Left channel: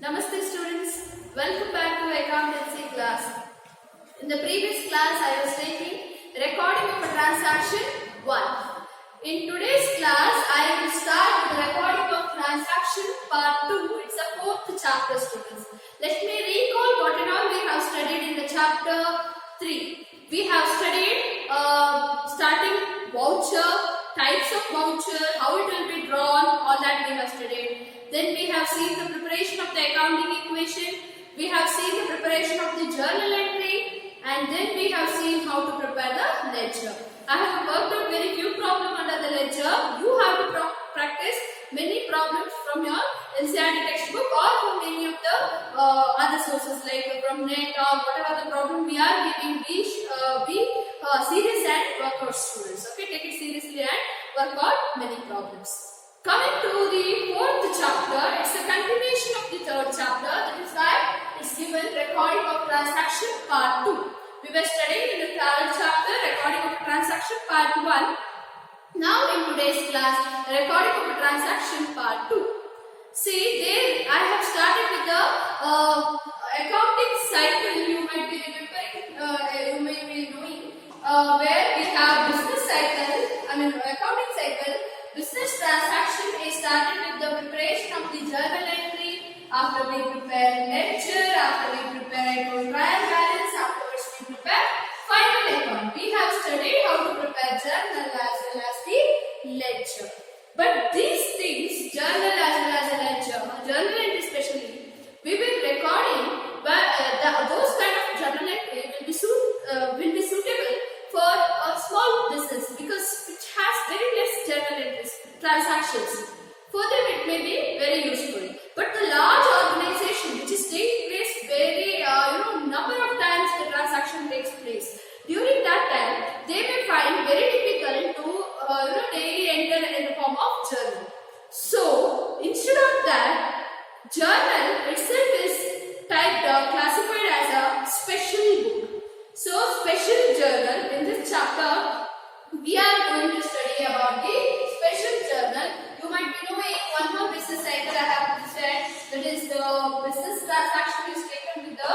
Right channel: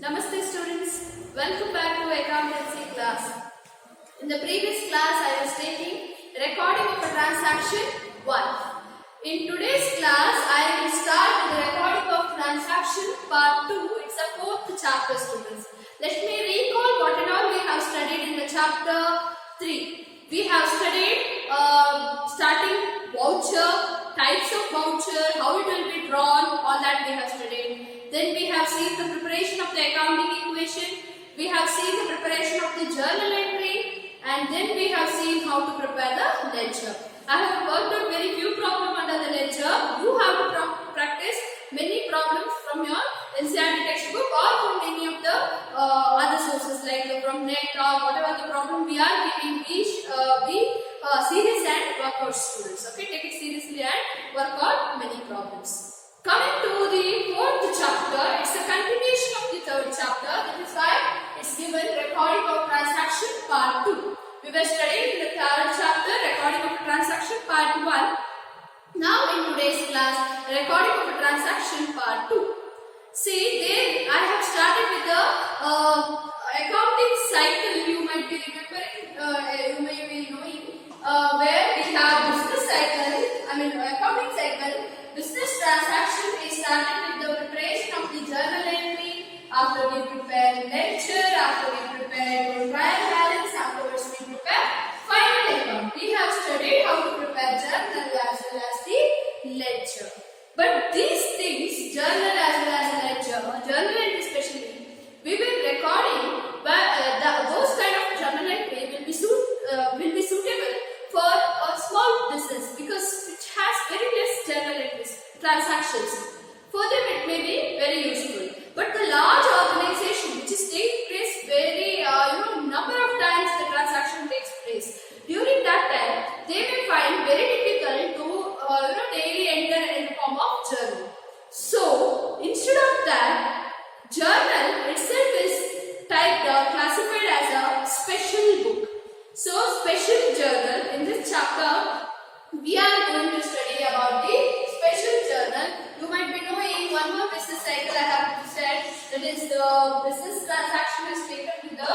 Namaste students, welcome back to accountancy class. In the previous class I was taking recording of a transaction 1. In today's class I will start with the recording of transaction part 2. It's a 4th chapter students. Let me recall what and all we have studied in the chapter 3. We have studied starting voucher, types of voucher, how it will be drawn, all that we have studied. Then we have seen the preparation of the accounting equation, we have seen the preparation of the journal entry, and then we have seen how to prepare the ledger. I have worked out very few problems under the ledger. You have to practice many problems from your NCERT textbook or from any of the other sources like from net or whatever the problem we are giving. Be serious and work out students. Okay, take it seriously and work out many problems. Coming to the 4th chapter, it's a continuation of the 3rd chapter. That is why it's given recording of transaction part 2. We were studying in the 3rd chapter recording of a transaction part 1. Now in today's class, recording of a transaction part 2. See, there I have started with the accounting cycle. You might be remembering, you may be knowing, where we have business cycle, accounting cycle. Business transaction is started with the preparation of the journal entry, after we prepare ledger, after we prepare trial balance, afterwards we prepare final account. We have studied how to prepare journal as well as the ledger. But these things, journal as well as a ledger, journal entry especially, we will recording, but those kind of journal entry will be suitable for a small business because it has very less journal entries, transactions. For them it may be very useful. But the large organization which is taking place very number of times the transaction takes place. During that time they may find very difficult to daily enter in the form of journal. So instead of that, journal itself is classified as a special book. So, special journal, in this chapter, we are going to study about the special journal. You might be knowing one more business cycle I have said, that is the business transaction is taken with the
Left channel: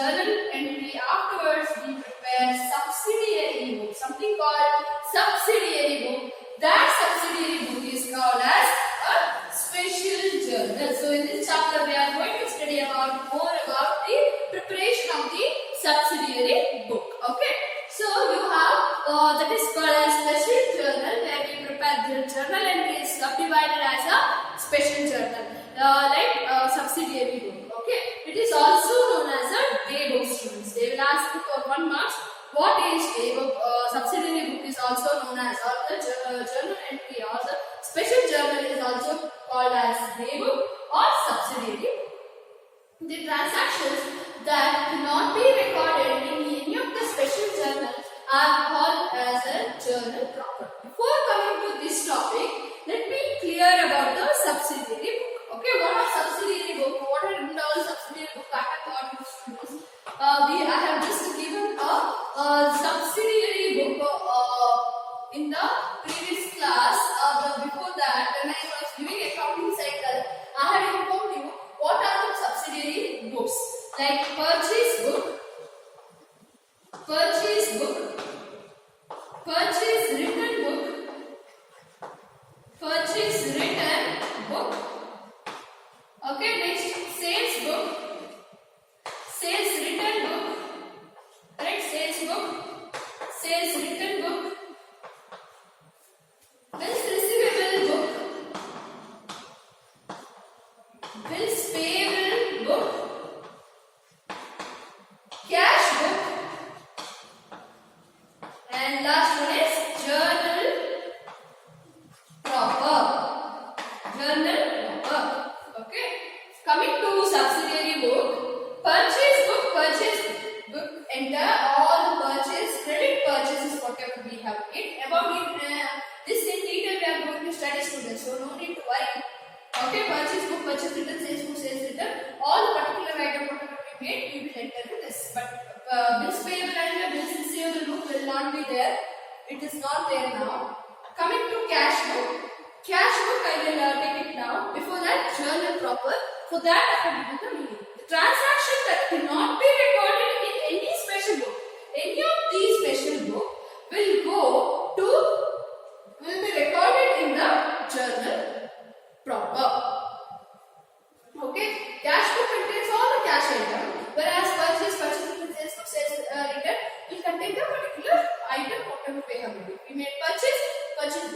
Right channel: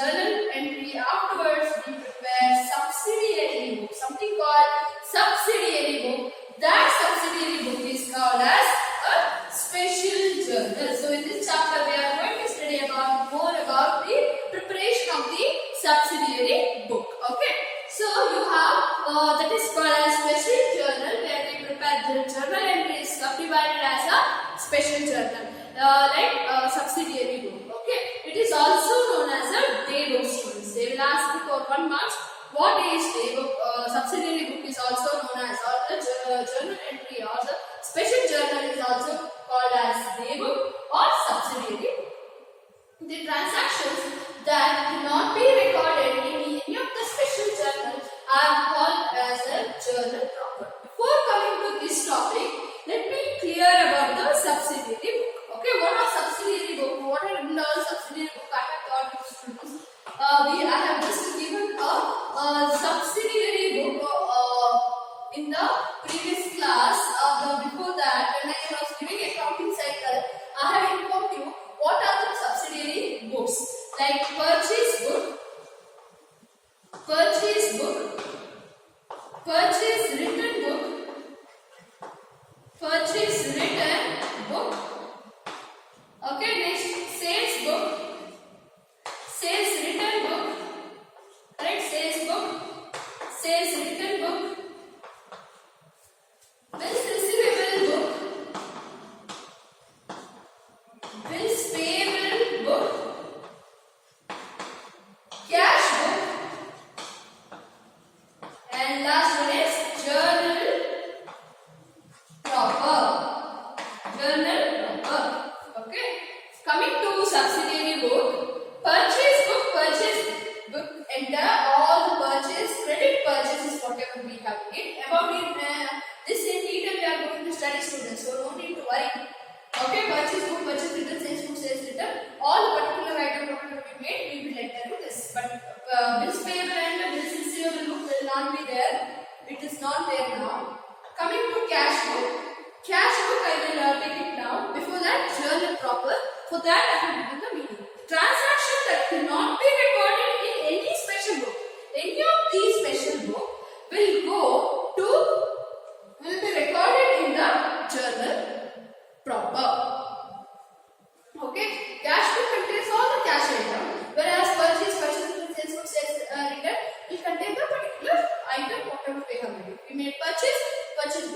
journal entry. Afterwards, we prepare subsidiary book, something called subsidiary book. That subsidiary book is called as a special journal. So, in this chapter, we are going to study more about the preparation of the subsidiary book. Okay, so you have that is called as special journal, where we prepare the journal entry is subdivided as a special journal, like subsidiary book. Okay, it is also known as a day book students. They will ask you for 1 mark. What is day book? Subsidiary book is also known as, or the journal entry or the special journal is also called as day book or subsidiary book. The transactions that cannot be recorded in any of the special journals are called as a journal proper. Before coming to this topic, let me clear about the subsidiary book. Okay, what are subsidiary book? What are in the subsidiary book? I have taught you students. I have just given a subsidiary book in the previous class. Before that, when I was giving accounting cycle, I have informed you what are the subsidiary books, like purchase book, purchase written book, purchase written book. Okay, next sales book, sales written book, correct? Sales book, sales written book, bills receivable book, bills payable book, cash book, and last one is journal proper. Journal proper. Okay. Coming to subsidiary book, purchase book, enter all the purchase, credit purchases, whatever we have made. About this in detail we are going to study students, so no need to worry. Okay, purchase book, purchase written, sales book, sales written, all the particular item whatever we made, we will enter in this. But bills payable and bills receivable book will not be there. It is not there now. Coming to cash book. Cash book I will take it now. Before that, journal proper. For For that I have given the meaning. The transaction that cannot be recorded in any special book, any of these special book will be recorded in the journal proper. Okay, cash book contains all the cash item, whereas purchase book, sales return will contain the particular item whatever we have made. If we made purchase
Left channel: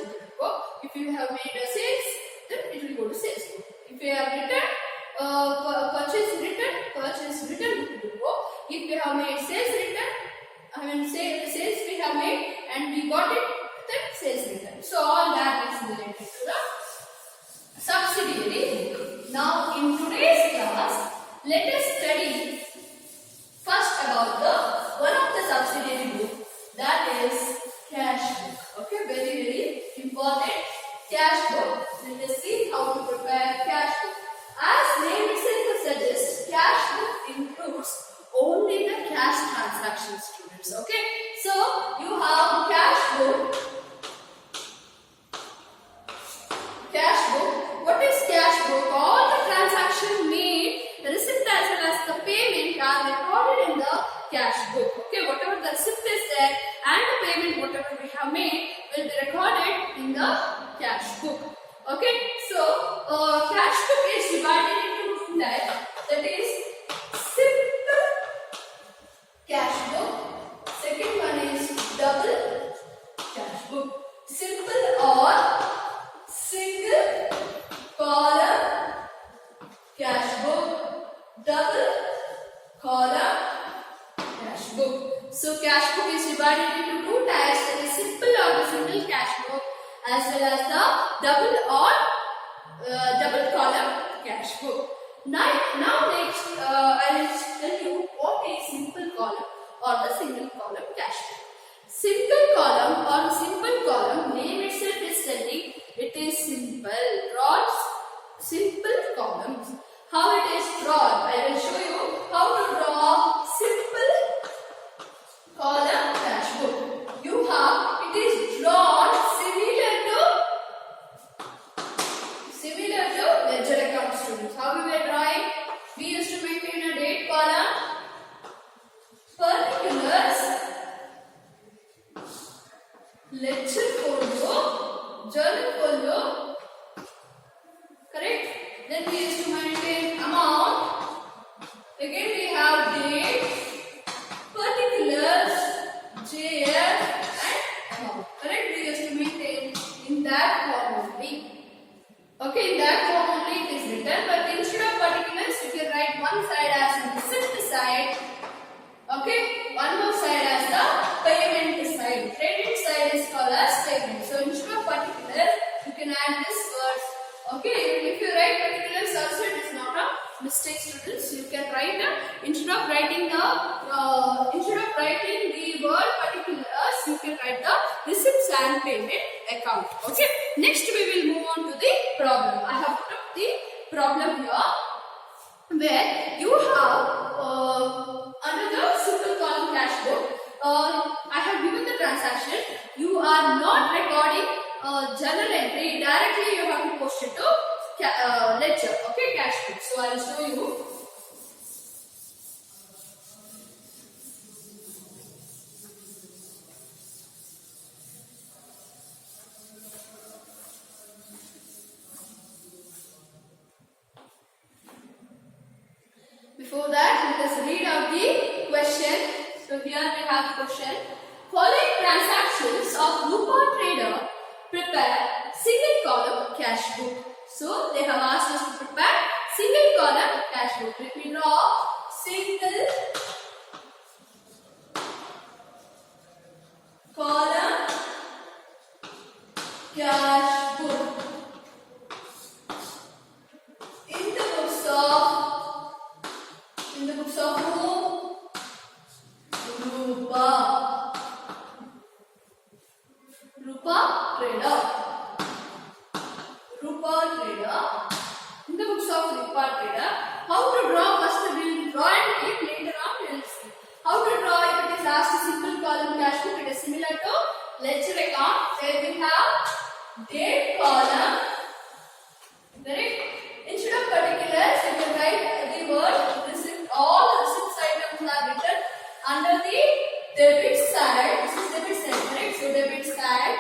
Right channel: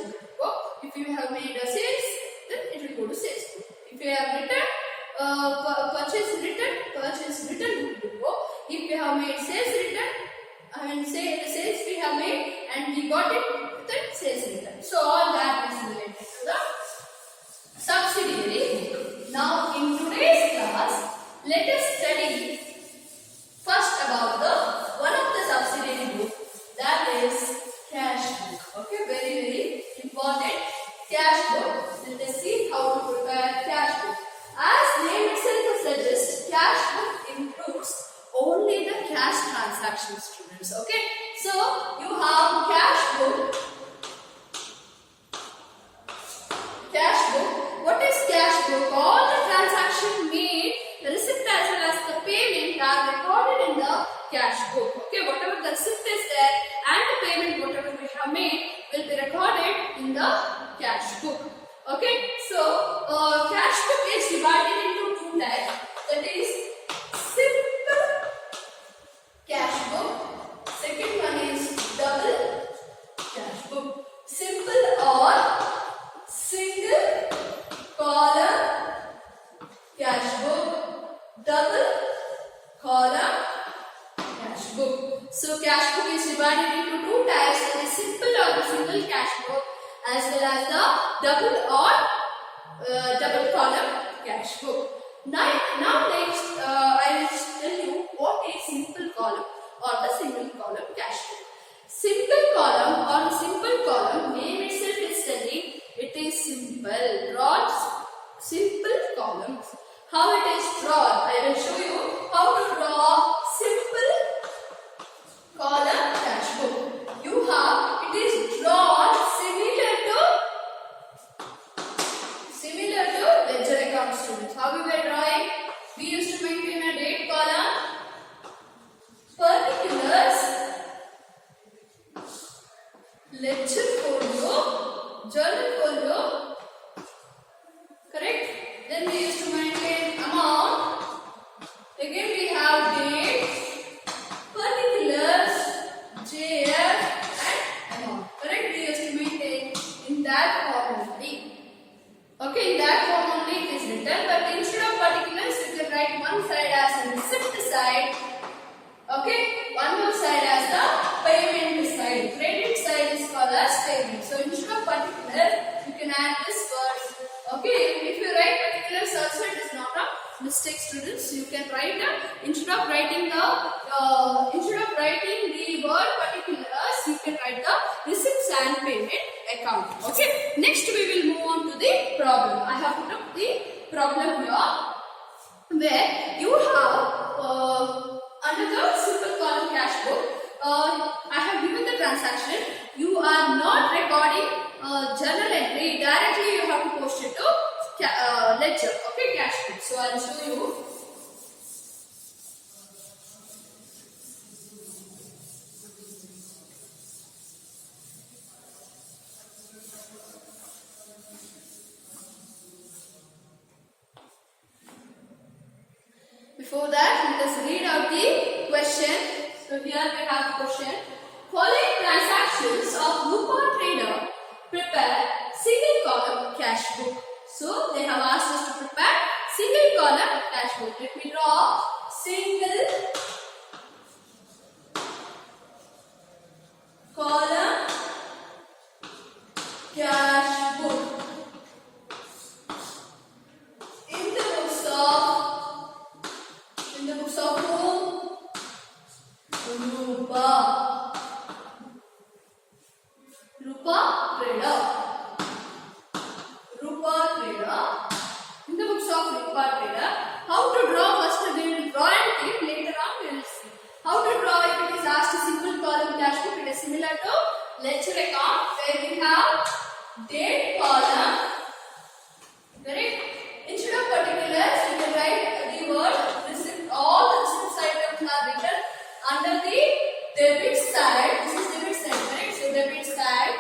book will go. If we have made a sales, then it will go to sales book. If we have returned purchase return book will go. If we have made sales return, sales we have made and we got it, then sales return. So all that is related to the subsidiary book. Now in today's class, let us study first about one of the subsidiary book, that is cash book. Okay, very important cash book. Let us see how to prepare cash book. As name itself suggests, cash book includes only the cash transactions, students. Okay, so you have cash book. What is cash book? All the transactions made, the receipt as well as the payment are recorded in the cash book. Okay, whatever the receipt is there and the payment whatever we have made will be recorded in the cash book. Okay, so cash book is divided into two types. That is simple cash book. Second one is double cash book. Simple or single column cash book, double column cash book. So cash book is divided into two types, that is simple or the single cash book as well as the double or double column cash book. Now next I will tell you what is simple column or the single column cash book. Simple column or simple column, name itself is telling it is simple. Draw simple columns. How it is drawn? I will show you how to draw simple column cash book. It is drawn similar to ledger account, students. How we were drawing? We used to maintain a date column, particulars, ledger folio, journal folio, correct? Then we used to maintain amount. Again we have date, particulars, JF and amount. Correct? We used to maintain in that form only. Okay, in that form only it is written, but instead of particulars you can write one side as the receipt side. Okay, one more side as the payment side. Credit side is called as payment. So instead of particular, you can add this word. Okay, if you write particulars also, it is not a mistake, students. You can write instead of writing the word particulars, you can write the receipts and payment account. Okay. Next we will move on to the problem. I have put up the problem here, where you have under the simple column cash book, I have given the transaction. You are not recording journal entry. Directly you have to post it to ledger. Okay, cash book. So I will show you. Before that, let us read out the question. So here we have the question. Following transactions of Rupa trader prepare single column cash book. So they have asked us to prepare single column cash book. Let me draw single column cash book. In the books of who? Rupa trader. In the books of Rupa trader. How to draw? First we will draw and keep. Later on we will see. How to draw? If it is asked simple column cash book, it is similar to ledger account, where we have date column. Correct? Instead of particulars, you can write the word receipt. All the receipts items are written under the debit side. This is debit side, correct? So debit side.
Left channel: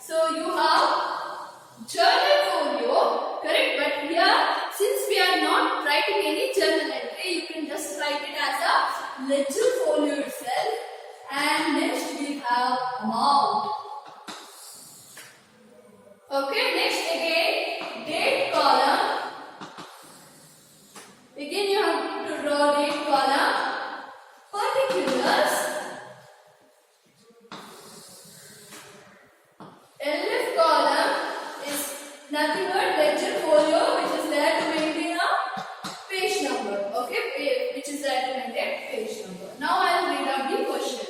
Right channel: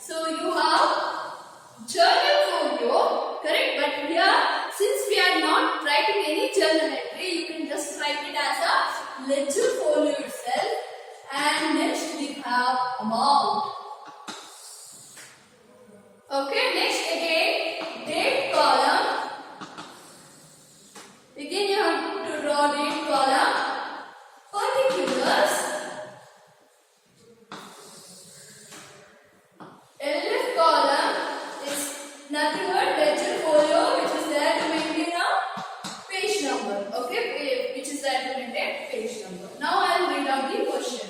So you have journal folio, correct? But here, since we are not writing any journal entry, you can just write it as a ledger folio itself. And next we have amount. Okay, next again date column. Again you have to draw date column. Particulars. LF column is nothing but ledger folio, which is there to maintain a page number. Okay, which is there to maintain page number. Now I will read out the question.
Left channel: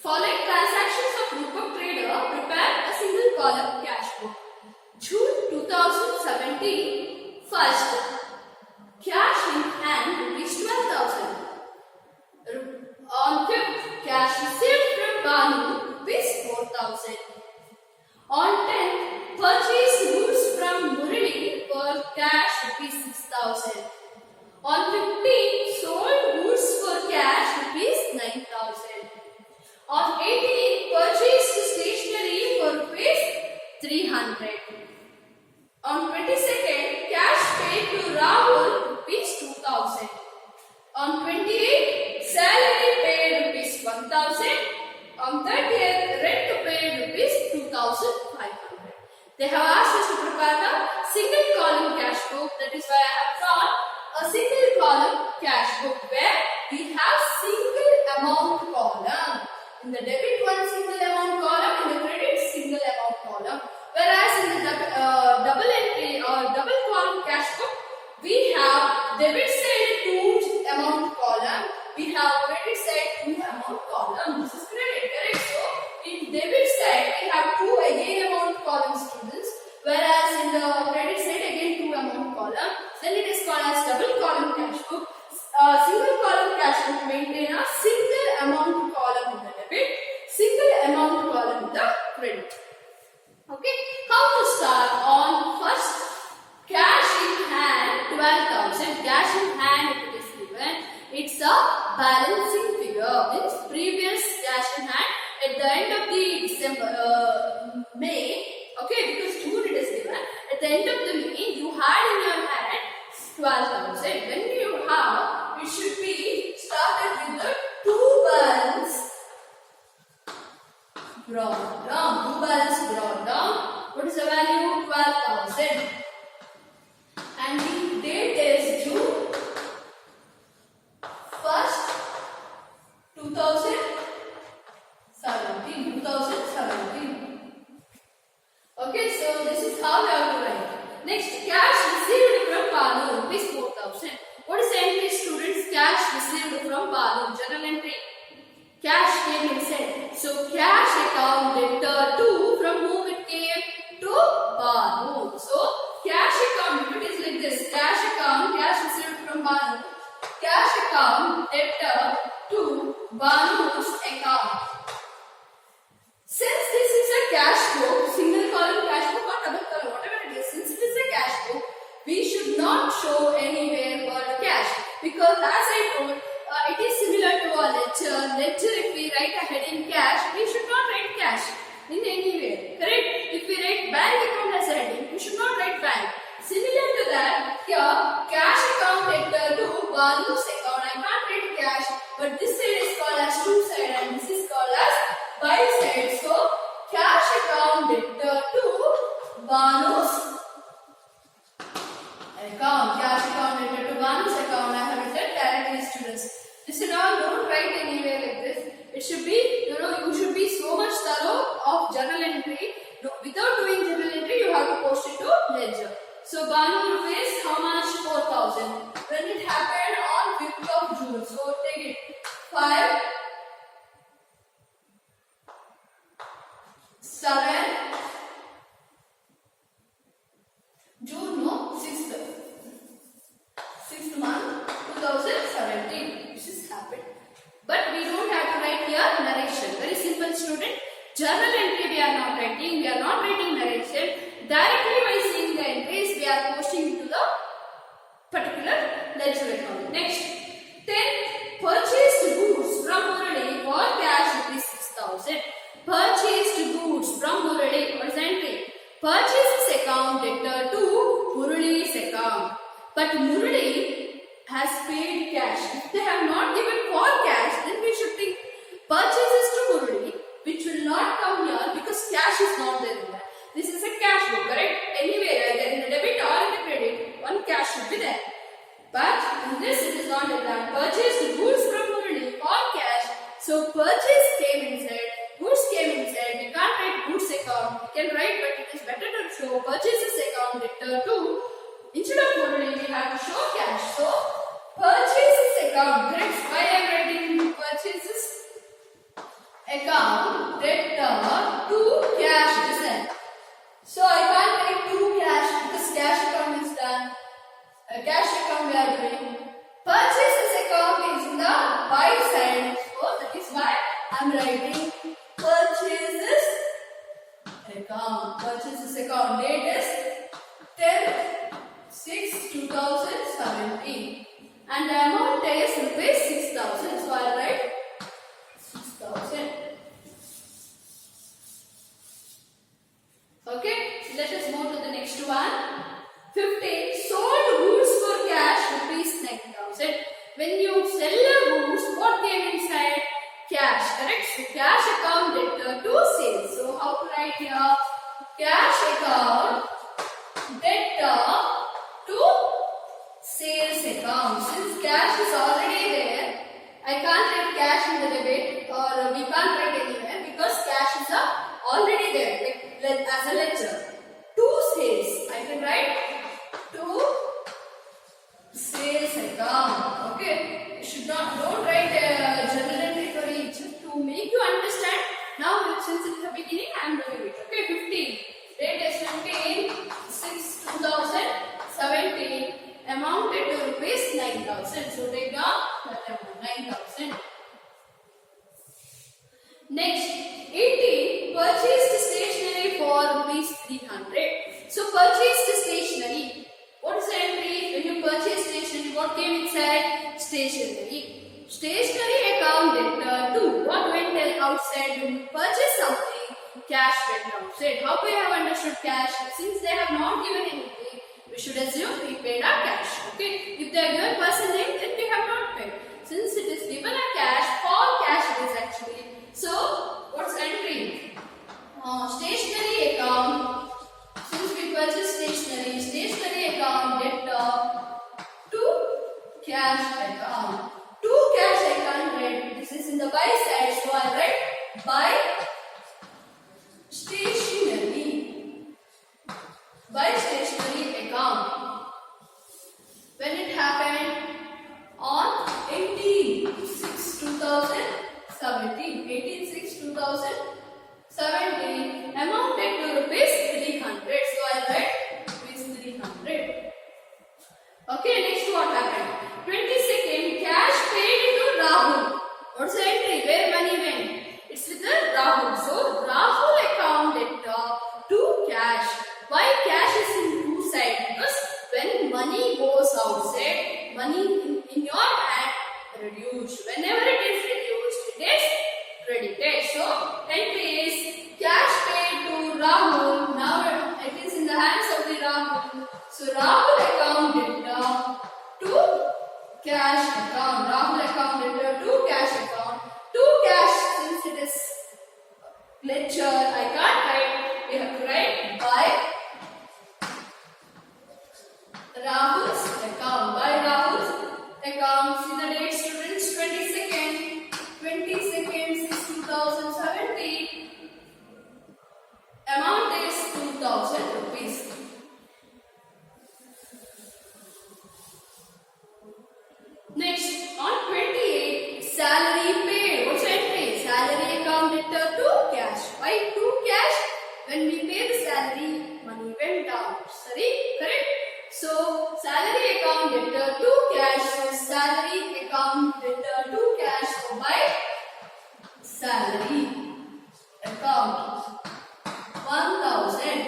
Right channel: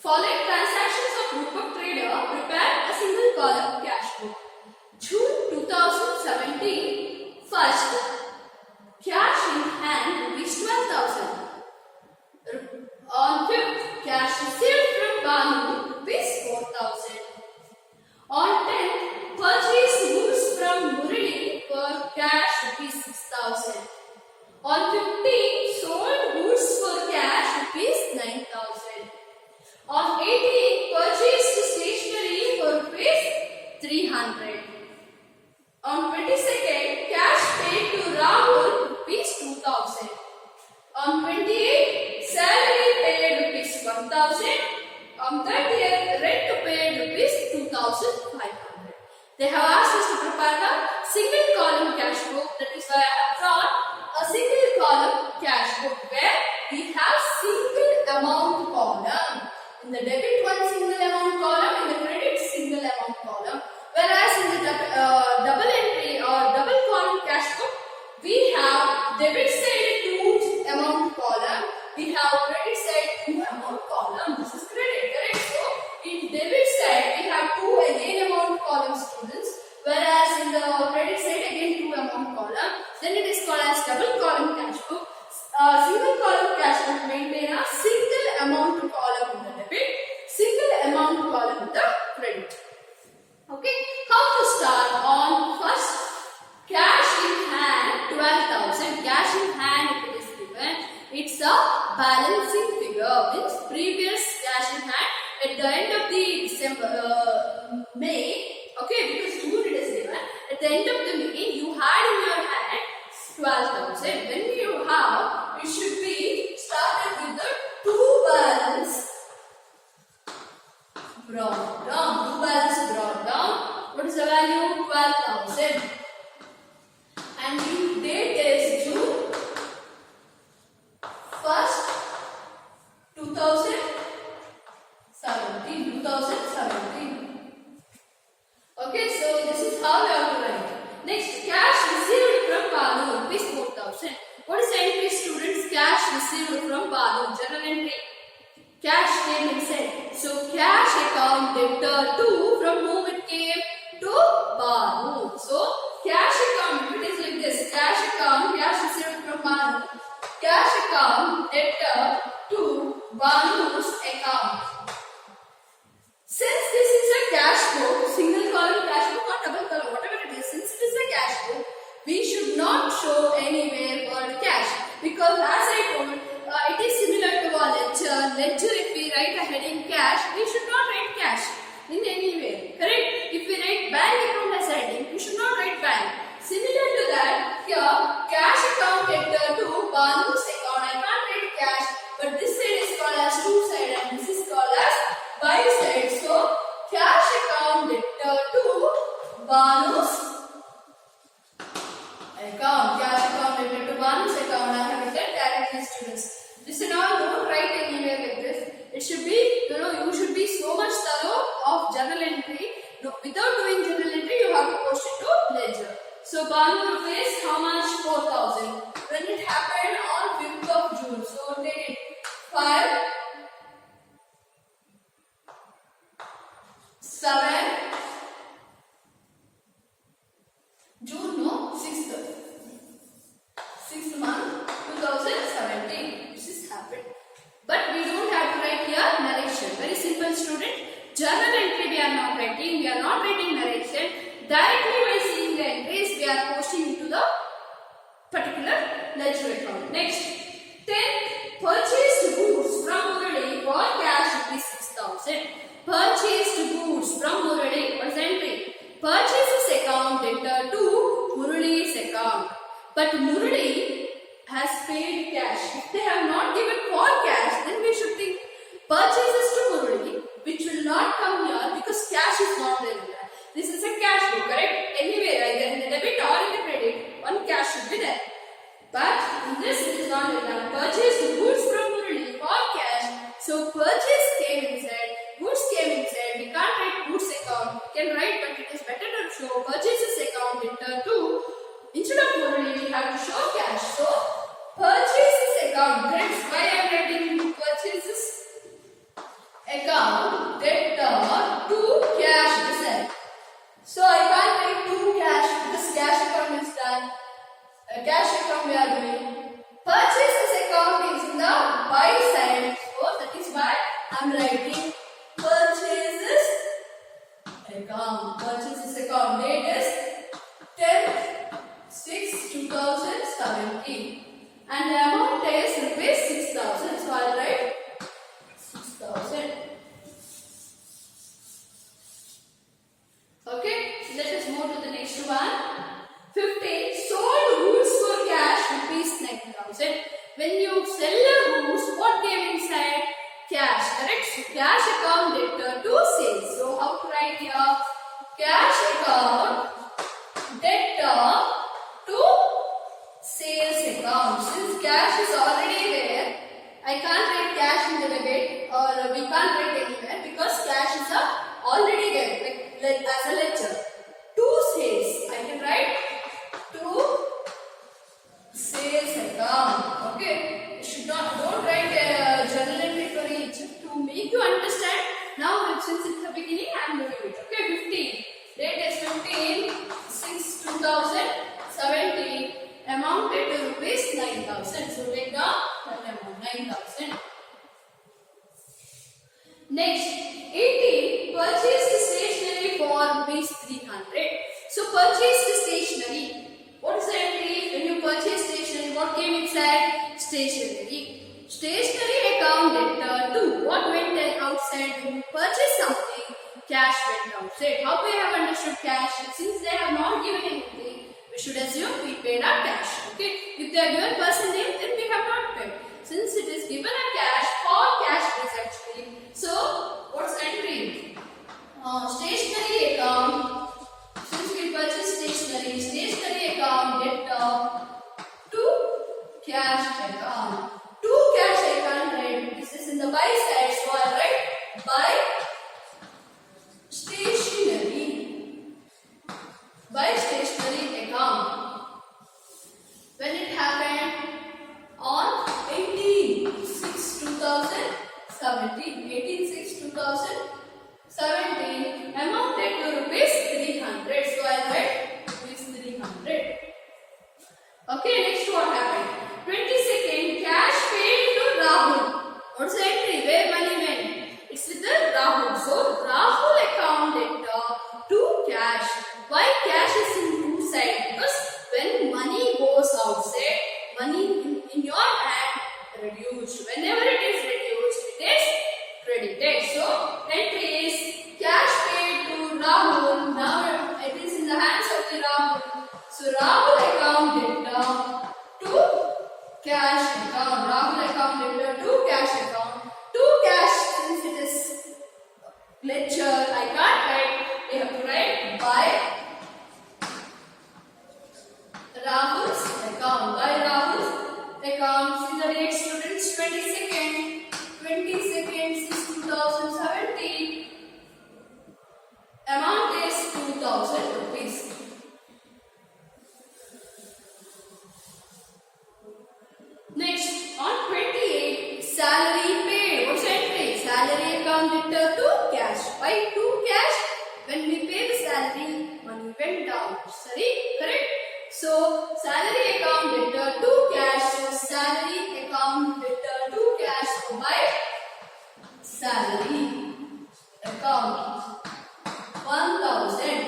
Following transactions of group of trader, prepare a single column cash book. June 2017, first, cash in hand rupees 12,000. On 5th, cash received from Banu rupees 4,000. On 10th, purchased goods from Murali for cash rupees 6,000. On 15th, sold goods for cash rupees 9,000. On 18th, purchased stationery for rupees 300. On 22nd, cash paid to Rahul rupees 2,000. On 28th, salary paid rupees 1,000. On 30th, rent paid rupees 2,500. They have asked us to prepare a single column cash book. That is why I have drawn a single column cash book where we have single amount column. In the debit, one single amount column, in the credit, single amount column. Whereas in the double entry or double column cash book, we have debit side 2 amount column, we have credit side 2 amount column. This is credit, correct? So in debit side, we have 2 again amount column, students. Whereas in the credit side, again 2 amount column. Then it is called as double column cash book. Single column cash book maintain a single amount column in the debit, single amount column in the credit. Okay, how to start? On first, cash in hand 12,000. Cash in hand, if it is given, it's a balancing figure. Means previous cash in hand at the end of the May. Okay, because June it is given. At the end of the May, you had in your hand 12,000. When you have, it should be started with the two balance brought down. Two balance brought down. What is the value? 12,000. And the date is June 1st, 2017. Okay, so this is how we have to write. Next, cash received from Banu, rupees 4,000. What is the entry, students? Cash received from Banu, journal entry. Cash came inside. So, cash account debtor to, from whom it came? To Banu. So, cash account, if it is like this, cash account, cash received from Banu. Cash account debtor to Banu's account. Since this is a cash book, single column cash book or double column, whatever it is, since it is a cash book, we should not show anywhere word cash, because as I told, it is similar to a ledger. Ledger, if we write a heading cash, we should not write cash in anywhere, correct? If we write bank account as a heading, we should not write bank. Similar to that, here cash account debtor to Banu's account. I can't write cash, but this side is called as to side and this is called as by side. So cash account debtor to Banu's account. Cash account debtor to Banu's account. I have written directly, students. Listen all, don't write anywhere like this. It should be, you should be so much thorough of journal entry. No, without doing journal entry, you have to post it to ledger. So Banu rupees, how much? 4,000. When it happened on 5th of June. So take it. 5, 7, June, no? 6th month, 2017. This is happened. But we don't have to write here narration. Very simple, student. Journal entry we are not writing. We are not writing narration. Directly by seeing the entries, we particular ledger account. Next, 10 purchased goods from Murali for cash rupees 6,000. Purchased goods from Murali. What is the entry? Purchases account debtor to Murali's account. But Murali has paid cash. If they have not given for cash, then we should think purchases to Murali, which will not come here because cash is not there in that. This is a cash book, correct? Anywhere, either in the debit or in the credit, one cash should be there. But in this, it is not like that. Purchased goods from Murali for cash. So purchase came inside, goods came inside. We can't write goods account. We can write, but it is better to show purchases account debtor to. Instead of Murali, we have to show cash. So purchases account. Correct? Why I am writing purchases account debtor to cash inside. So I can't write to cash because cash account is done. Cash account we are doing. Purchases account is in the buy side. So that is why I am writing purchases account. Purchases account. Date is 10/6/2017. And the amount is rupees 6,000. So I will write 6,000. Okay, let us move to the next one. 15. Sold goods for cash rupees 9,000. When you sell the goods, what came inside? Cash, correct? So cash account debtor to sales. So how to write here? Cash account debtor to sales account. Since cash is already there, I can't write cash in the debit or we can't write anywhere because cash is already there. Like as a ledger. To sales. I can write to sales account. Okay. You should not don't write a journal entry for each to make you understand. Now since it's the beginning I am doing it. Okay, 15. Date is 15/6/2017. Amounted to rupees 9,000. So take down 9,000. Next, 18. Purchased stationery for rupees 300. So purchased stationery. What is the entry? When you purchase stationery, what came inside? Stationery. Stationery account debtor to. What went outside? When you purchase something, cash went outside. How we have understood cash? Since they have not given anything, we should assume we paid our cash. Okay. If they have given person name, then we have not paid. Since it is given a cash, for cash it is actually. So, what's entry? Stationery account. Since we purchase stationery account debtor to cash account. To cash account, right? This is in the buy side. So, I write buy stationery. Buy stationery account. When it happened? On 18/6/2017. 18/6/2017 amounted to rupees 300. So I write rupees 300. Okay, next what happened? 22nd, cash paid to Rahul. What's the entry? Where money went? It's with the Rahul. So Rahul account debtor to cash. Why cash is in two sides? Because when money goes outside, money in your hand reduced. Whenever it is reduced, it is credited. So entry is cash paid to Rahul. Now it is in the hands of the Rahul. So Rahul account debtor to cash account. Rahul account debtor to cash account. To cash, since it is ledger, I can't write. We have to write by Rahul's account. By Rahul's account. See the date, students. 22nd 6/2017. Amount is 2,000 rupees. Next, on 28, salary paid. What's the entry? Salary account debtor to cash. Why to cash? When we pay the salary, money went down. Sorry, correct? So, salary account debtor to cash. So, salary account debtor to cash. So, by salary account 1,000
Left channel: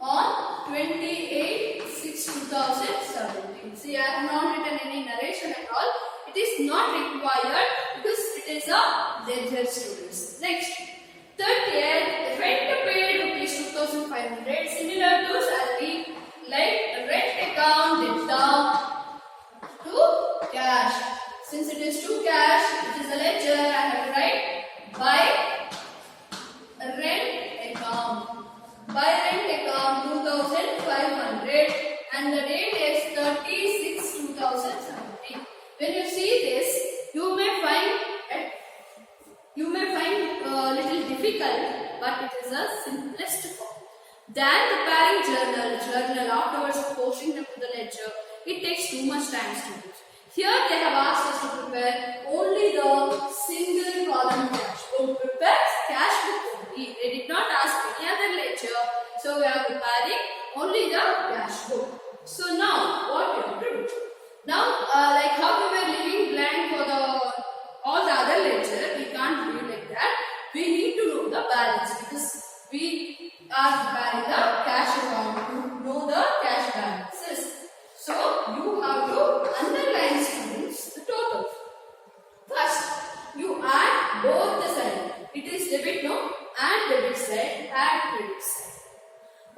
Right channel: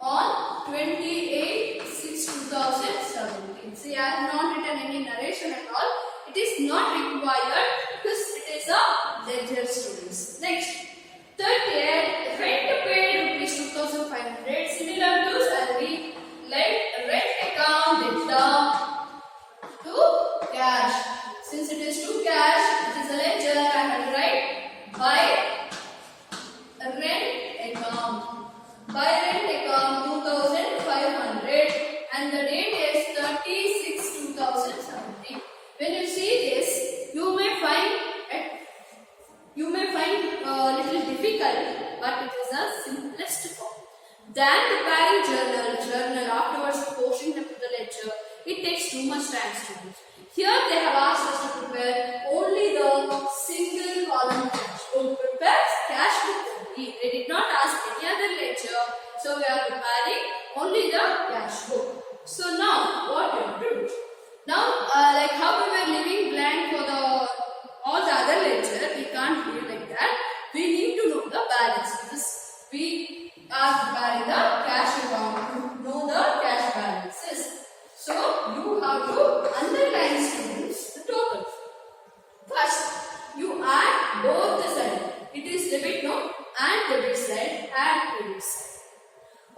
on 28/6/2017. See, I have not written any narration at all. It is not required because it is a ledger, students. Next, 30th, rent paid rupees 2500. Similar to salary, like rent account debit to cash. Since it is to cash, it is a ledger. I have to write by rent account. By rent account 2500, and the date is 30/6/2017. When you see this, you may find little difficult, but it is a simplest form. Then preparing journal afterwards posting them to the ledger, it takes too much time, students. Here they have asked us to prepare only the single column cash. So prepare cash book only. They did not ask any other ledger, so we are preparing only the cash book. So now what we have to do? Now like how we were leaving blank for all the other ledger, we can't do it like that. We need to know the balance because we are preparing the cash account to know the cash balances. So you have to underline, students, the total. First, you add both the sides. It is debit note and debit side and credit side.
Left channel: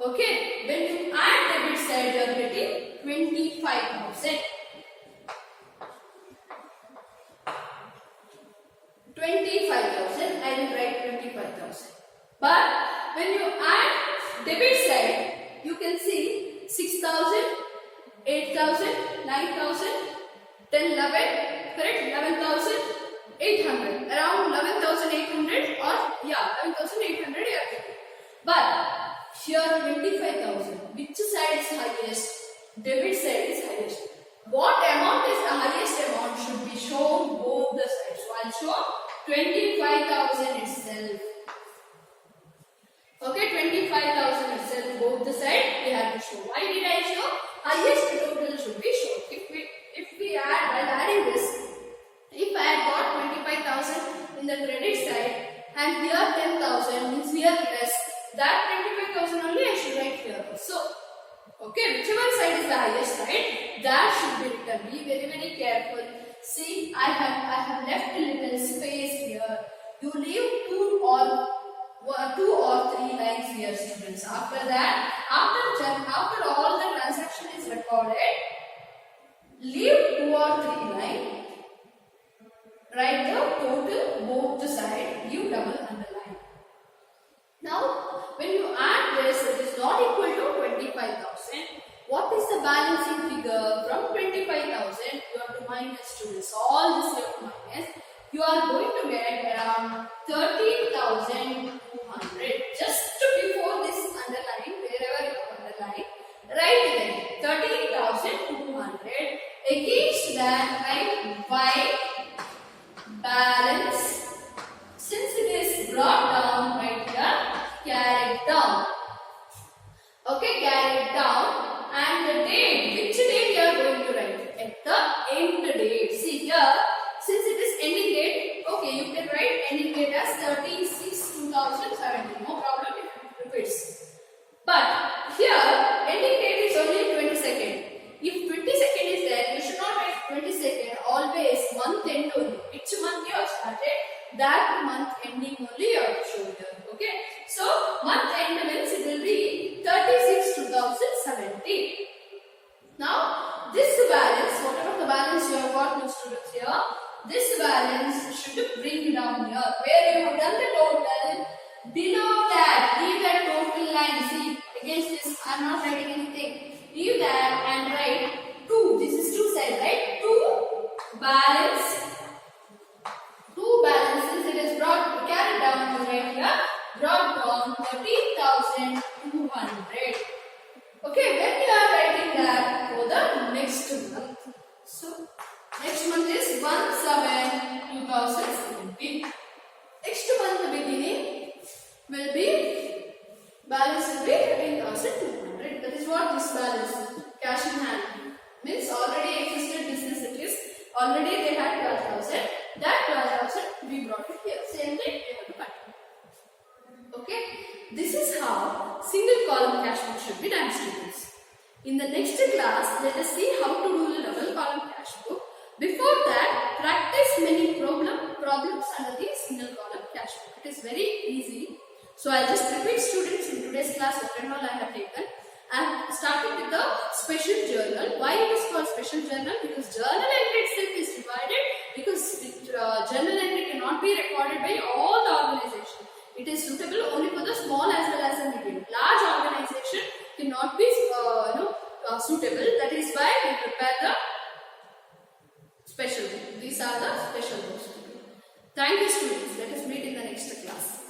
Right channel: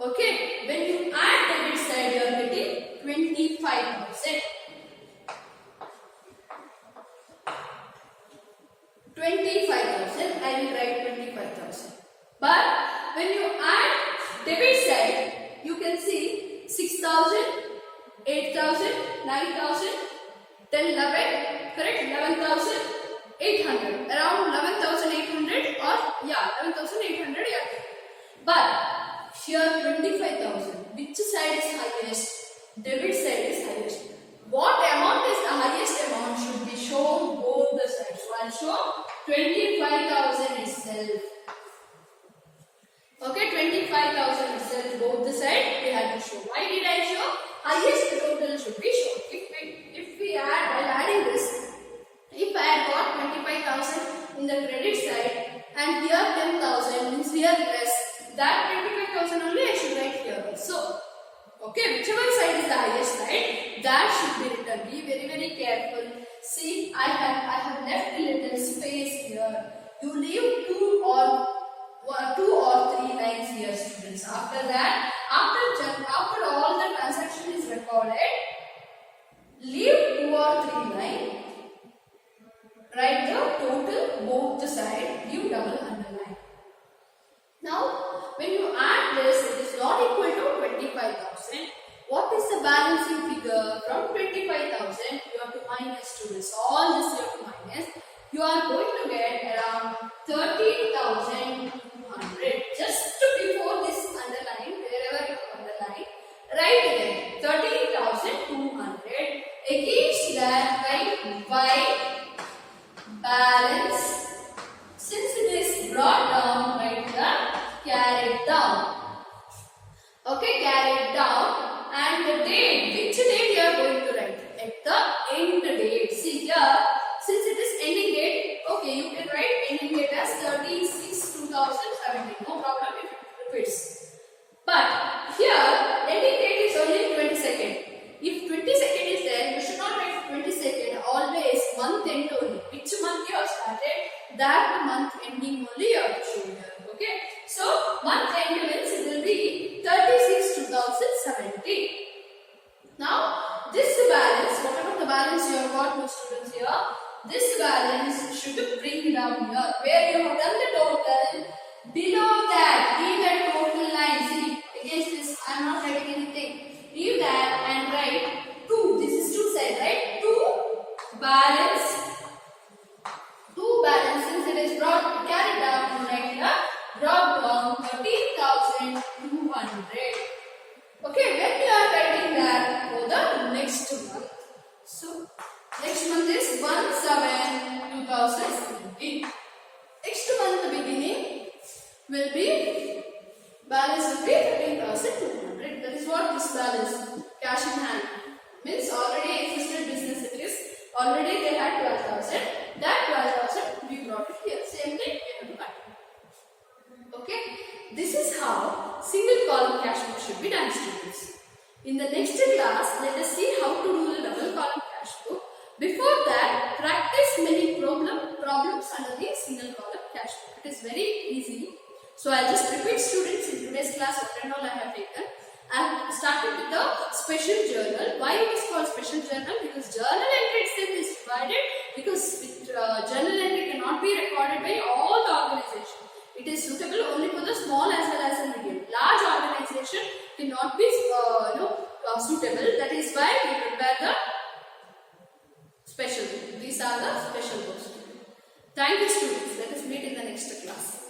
Okay, when you add debit side, you are getting 25,000. 25,000, I will write 25,000. But when you add debit side, you can see 6,000, 8,000, 9,000, then 11, correct? 11,800, around 11,800 or 11,800 you are getting. But here 25,000, which side is highest? Debit side is highest. What amount is the highest amount should be shown both the sides. So I will show 25,000 itself. Okay, 25,000 itself, both the sides we have to show. Why did I show? Highest total should be shown. If we add, while adding this, if I had got 25,000 in the credit side and here 10,000 means here less, that 25,000 only I should write here also. Okay, whichever side is the highest side, that should be written. Be very, very careful. See, I have left a little space here. You leave two or three lines here, students. After that, after all the transaction is recorded, leave 2 or 3 lines. Write the total both the side. Give double underline. Now, when you add this, it is not equal to 25,000. What is the balancing figure? From 25,000, you have to minus, students. All this you have to minus. You are going to get around 13,200. Just before this underline, wherever you underline, write there 13,200. Against that, write by balance. Since it is brought down, right here, carried down. Okay, carried down. And the date, which date you are going to write? At the end date. See here, since it is ending date, okay, you can write ending date as 30/6/2017. No problem if it repeats. But here, ending date is only 22nd. If 22nd is there, you should not write 22nd. Always month end only. Which month you have started, that month ending only you have to show here. Okay. So, month end means it will be 30/6/2017. Now, this balance, whatever the balance you have got, my students here, this balance should bring down here. Where you have done the total, below that, leave that total line. See, against this, I am not writing anything. Leave that and write 2. This is 2 side, right? 2 balance. 2 balance, since it is carried down, you write here, brought down 13,200. Okay, when you are writing that for the next month. So, next month is 1/7/2017. Next month beginning will be, balance will be 13,200. That is what this balance, cash in hand, means already existed business it is. Already they had 12,000. That 12,000 we brought it here. Same thing we have to continue. Okay. This is how single column cash book should be done, students. In the next class, let us see how to do the cash book. It is very easy. So I'll just repeat, students, in today's class what and all I have taken. I have started with the special journal. Why it is called special journal? Because journal entry itself is divided, because journal entry cannot be recorded by all the organization. It is suitable only for the small as well as the medium. Large organization cannot be suitable. That is why we prepare the special book. These are the special books. Thank you, students. Let us meet in the next class.